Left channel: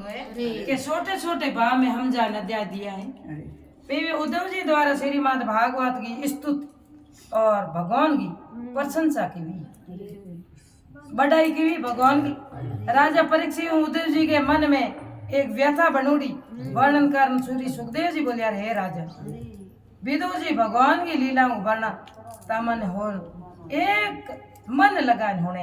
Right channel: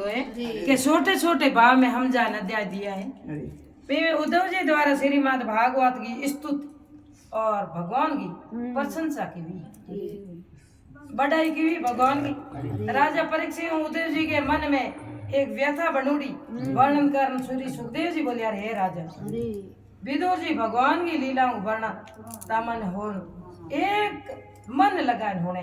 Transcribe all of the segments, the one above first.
है कि छोटे छोटे भाव में हम जान अध्याय दिया है। पे उद्धव जी द्वारा श्रीमद् भागवत की स्तुति और भगवान की प्रशंसा की भी बढ़ाई की भी भगवान की। राजा परीक्षित उद्धव जी के मन में एक व्यथा बनूड़ी वर्णन कर श्री सुखदेव जी बोलिया हे राजा विदुर जी भगवान की लीलाओं वर्णन तमन हो एक मन लगान होने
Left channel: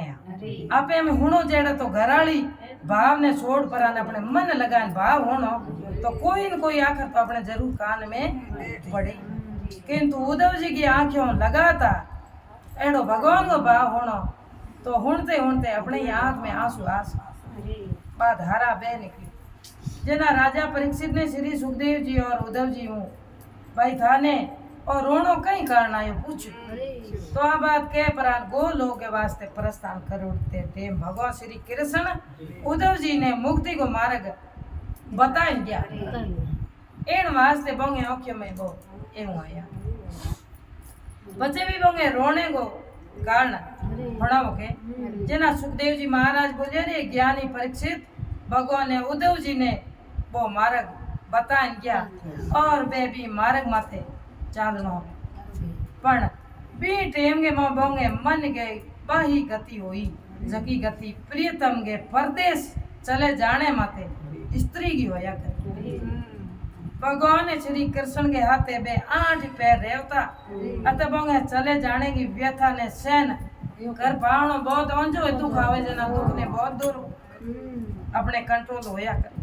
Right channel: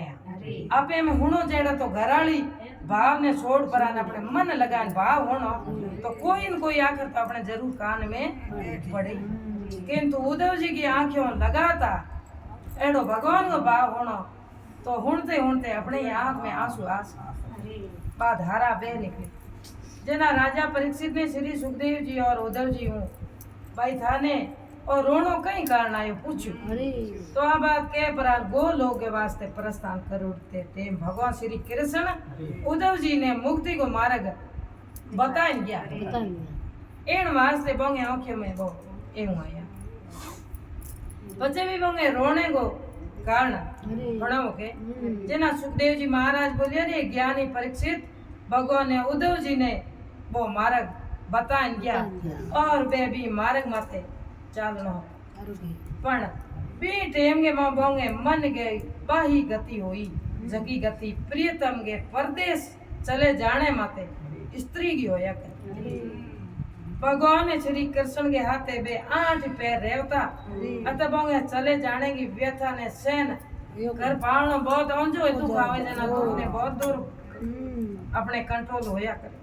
आपे में हुणो जेड़ा तो घराली भाव ने छोड़ पर अपने मन लगान भाव होनो तो कोई न कोई आखिर तो अपने जरूर कान में पड़े। किंतु उद्धव जी की आंखों लगाता एड़ो भगवान को भाव होनो तो हुणते हुणते अपने ही आंख में आंसू बाद धारा बह निकली। जना राजा परीक्षित ने श्री सुखदेव जी और उद्धव जी हूँ भाई थाने और रोणो कई कारण आयो पूछू तो आ बात कह पर गो लोग के वास्ते प्रस्थान कर उठते थे। भगवान श्री कृष्ण उद्धव जी ने मुक्ति को मार्ग बताई गया इन वास्ते बोंगे आंखों में वो एवं आया बच्चे भी बोंगे रोने को कारण भणावो के जना सुखदेव जी महाराज बोलिए रे ज्ञानी परीक्षित भगवान ने उद्धव जी ने वो मार्ग बताई गया और वे भी मार्ग माते चालनो पण बी टेम के मां बोंगे मन के बाही गति हुई जकी गति प्रियतम के परदेश चले जाने माते स्त्री की होया कर भगवान ने श्री कृष्ण के हाथे बे 8 पैर रेवता अत बोंगे चले जाने की व्यथा ने सहन कर पावनो बहुत ओंजो दुख आवे जना दुख ने बहुत दूर अपने कंट्रोल होया कर।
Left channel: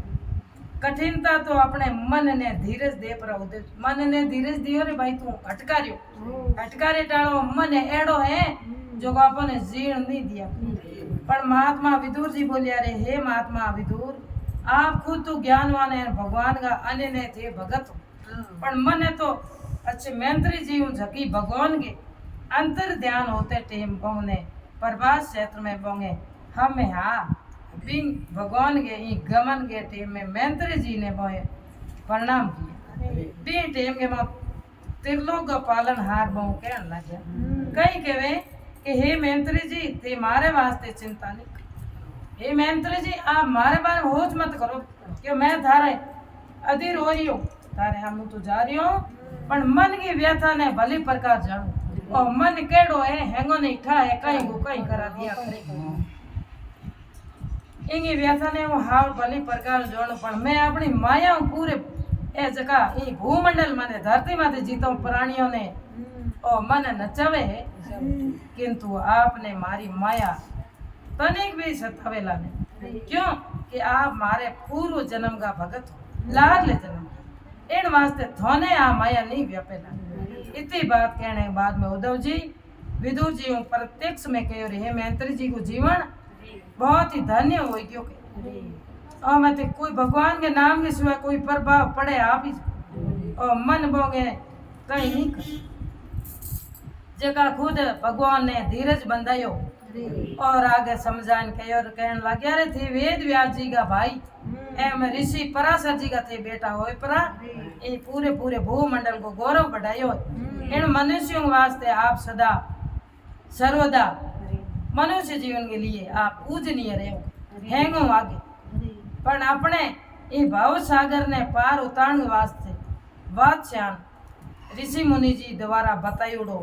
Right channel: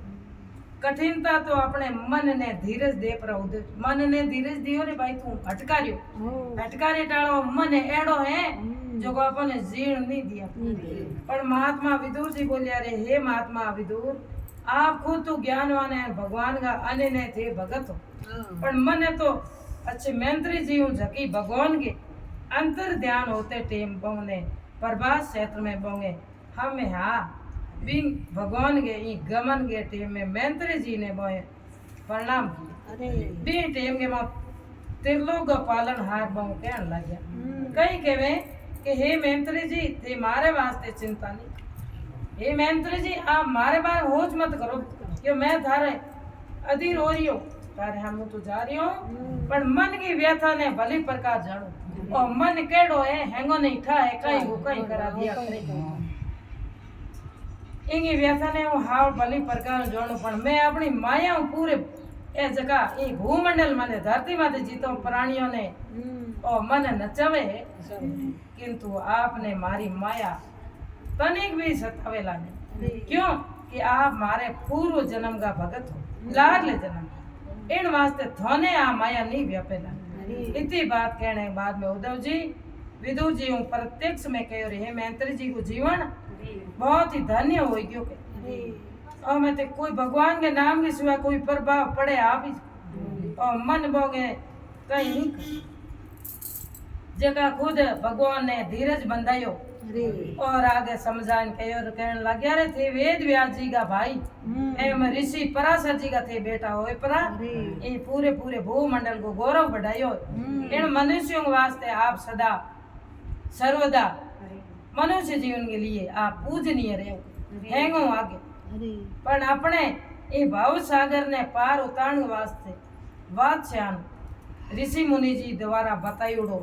कठिनता तो अपने मन ने धीरज दे पर मन ने धीरज दियो रे भाई तू हटकारे टाळो मन एड़ो है जो आपने जीण नहीं दिया। पर महात्मा विदुर जी बोलिया रे हे महात्मा विदुर आप खुद तो ज्ञानवान है भगवान का अन्य ने थे भगत पर मन है तो अच्छे मंत्री जी हूँ झकी भगवान के अंतर ध्यान होते टेम बोने प्रभास क्षेत्र में बोंगे हमें हाँ बिन भगवान के ई गमन के टेम में मंत्री जी ने बोए प्रणाम किए बिन टेम के मत त्रिलोक पालन हार बहु कहन लगे कई कहवे कि हे मंत्री जी ते मारे वास्ते चिंता नहीं हे मंत्री जी आप मारे बार होश मत करो कि मैं थारे अधीर हो रही हूँ तारे हम तो जा रही हूँ पर मन की व्यथा ने भली प्रकार जानू और मन केड़ो है हैंगो नहीं ठा है कहीं को कहीं करा दिया करे इंगी व्यथा ने वो हाव भली प्रकार जोड़ो पर मैं अपनी माया पूरे ए जगह ई भूमंडल माने धरती माते जीतो प्राणियों ने ओ मन नचवे किंतु आपने मारी माया तनिक भी सतावेला नहीं क्यों कि आप मारे पूर्व जन्म का भगत हो लाडले जन्म इन वास्ते थोने आ माया नहीं व्यापेला। इतनी बात कहने के बाद में उद्धव जी विदुर जी प्रत्यक्ष में कह रहे हैं मंत्री जी को जीवन बहुत ही धन्य हो गयो और मैं तो कोई भगवान के नाम के सिवा कोई प्रभाव पड़े आप ही और मन बोगे कहीं नहीं जगह खुद भगवान ने धीरज बंधायो और आगे समझान कहने लग रे थे वेद व्यास जी का भाई एम ऋषि पराशर जी का थे बेटा होए परा ये पूरे पूरे भूमंडल को गौरव बढ़ायो इन मनुष्यों के वास्ते आप सदा सर्वदा मनुष्य जीवन के लिए आप पूजनीय रहे हैंगो आगे पर अपने ये भाव सागर ने पार उतारने वास्ते वात्स्यान ऋषि मुनि जी द्वारा बतायोड़ो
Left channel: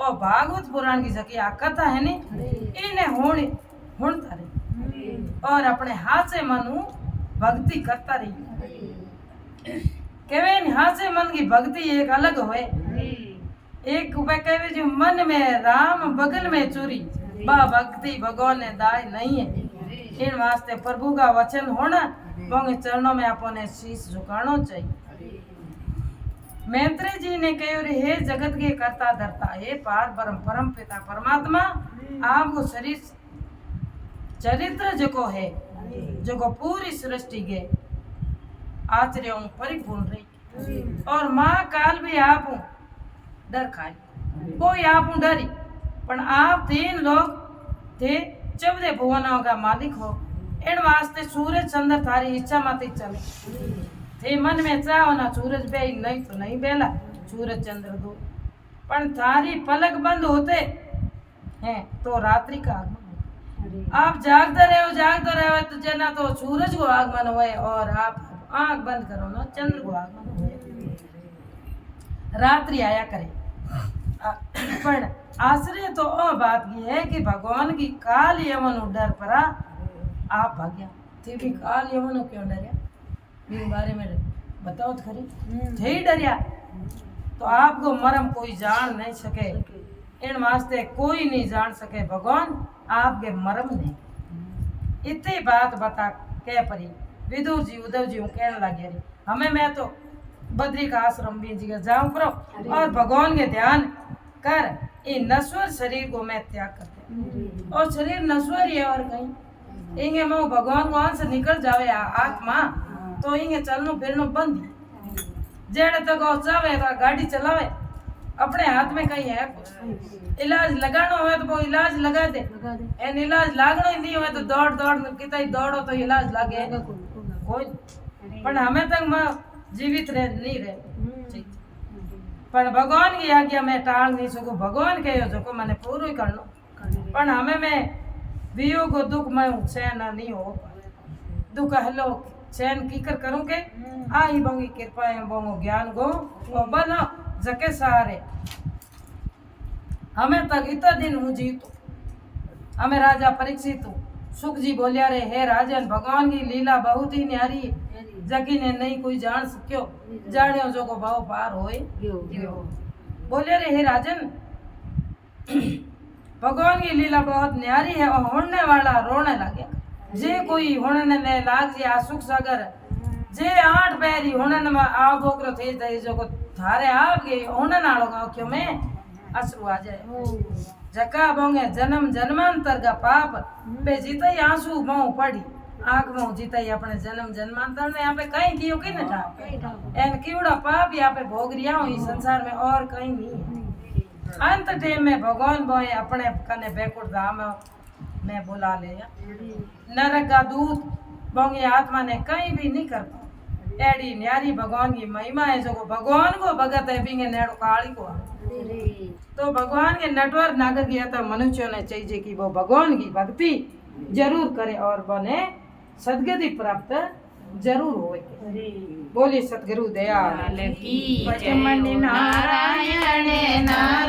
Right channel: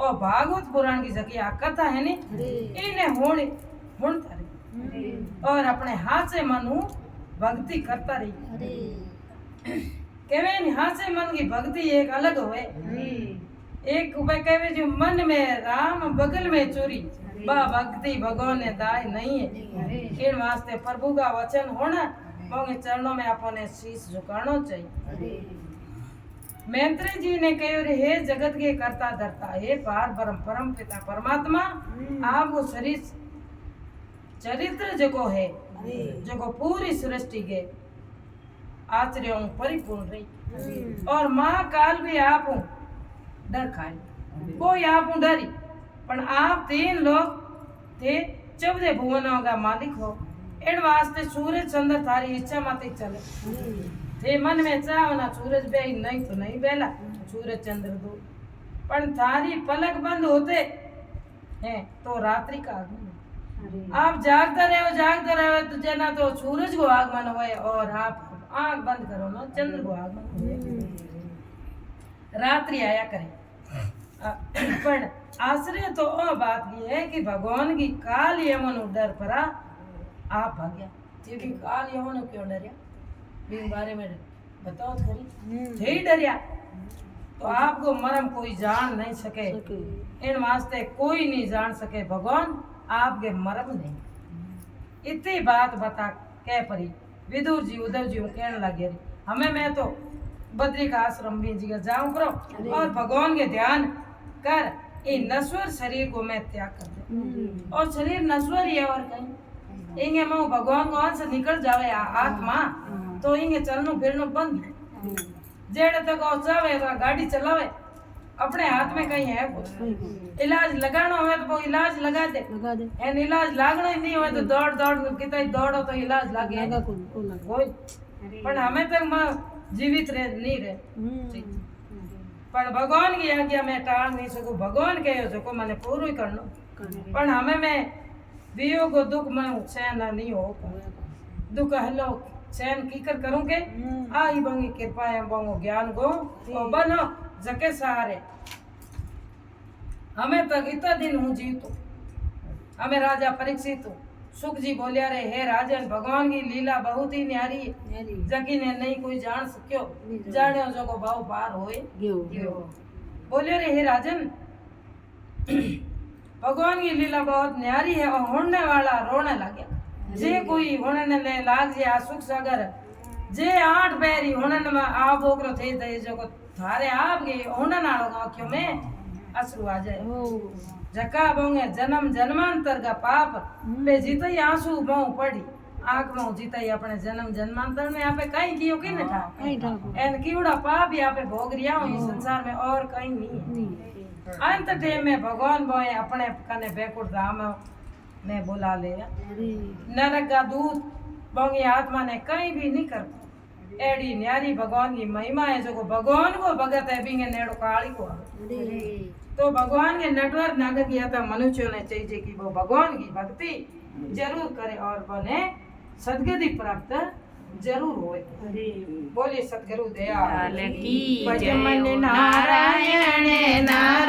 और भागवत पुराण की जकी कथा है ने इन्हें हुणता रही और अपने हाथ से मनु भक्ति करता रही केवे हाथ से मन की भक्ति एक अलग होए एक कहवे जो मन में राम बगल में चोरी बा भक्ति भगवान ने दाय नहीं है इन वास्ते प्रभु का वचन होना बोंगे चरणों में अपने शीश झुकाना चाहिए। मंत्री जी ने कहो रे हे जगत के करता धरता हे पार परम परम पिता परमात्मा आपको शरीर चरित्र जको है जको पूरी सृष्टि के आचर्यों परिपूर्ण रही और माँ काल भी आप डर खाई कोई आप डरी पर आप 3 लोग थे 14 भुवनों का मालिक हो इन वास्ते सूरज चंद्र थारी इच्छा माते चले थे मन में चाहो ना सूरज बे नहीं तो नहीं बेला सूरज चंद्र दो पर थारी पलक बंद होते हैं तो रात्रि का आगमन आप जागते रहो तो जना तो सूरज को आगमन होए और आप आंख बंद करो ना चंद्र को आगमन होए रात्रि आया करे। पण आश्चर्य तो ओ बात की है कि भगवान की काल यमन डर पड़ा आप भाग्या थे भी काल यमन क्यों डरिया मेरे बारे में बताओ तो खरी थे ही डरिया तो आपको मरम कोई जान नहीं सके इन वास्ते कोई नहीं जान सके भगवान आपके मरम नहीं इतनी बात बता कह परी विदुर जी उद्धव जी कहने लगे रही हमें मैं तो बद्री का आश्रम भी जी जाऊं करो और भगवान के ध्यान कर इन नश्वर शरीर को मैं त्याग कर दे और शरीर नश्वर ही है और कहीं इंगे मैं भगवान को से निकल जावे आत्मा तो इंगे चलनो फिरनो बंद जेड़े तक चावे तो गाड़ी चलावे अपने हाथ में कहीं है कुछ इलाज लगाना हो तो वो इलाज लगा दे एन इलाज लागना ही नहीं हो तो दौड़ दौड़ कितना दौड़ो तो इलाज लगे कोई पर हमें तक मैं जीवित रह नहीं रहे पर भगवान की आज्ञा मैं टाल नहीं सकूं भगवान के जो को मैंने पूरा ही करनो पर हमें मैं वियोग को दुख मैं सहन नहीं हो दुख हलो सहन की करूं के आई बंगी कृपा है बंगो ज्ञान गो तो बनो जके सहारे हमें तक इतना दिन हूँ जीतो हमें राजा परीक्षित हूँ सुख जी बोलिया रे हे राजन भगवान की लीला बहुत ही न्यारी जकी ने नहीं कोई जान सक्यो जानियो जो को भाव पार होए बोलिया रे हे राजन भगवान की लीला बहुत न्यारी है और होने वाला रोने लगे जे कोई होने ने लाग जे सुख सागर जे 8 पैरी होने में आ बोकरो थे जो को थारे आप गए होने नालो क्यों में अश्रु आ जाए जका बोंगे जन्म जन्मांतर का पाप पे जीता ही आंसू बहु पड़ी आंख बहु जीता ही अपने जन्म जन्मांतर ने यहाँ पे कहीं कियो की नहीं था एन कीड़ा पाप यहाँ पे भोग रिया हूँ इस संसार में और कहीं नहीं है अंत टाइम में भगवान बोए अपने कने बैकुर धाम में बुला ले नरक का दूत बोंगी आत्मा ने कहीं भी नहीं कर पा एडी न्यारी भगवान की महिमा है जो भगवान को भगत है बिंगे नेड़ो काली को तो भगवान के नटवर नागर किया तो मनुष्यों ने चाहिए कि वो भगवान की भक्ति जरूर करे और बने सदगति प्राप्त जरूर होए बोलिए सतगुरु दयाल की जय नारायण नारायण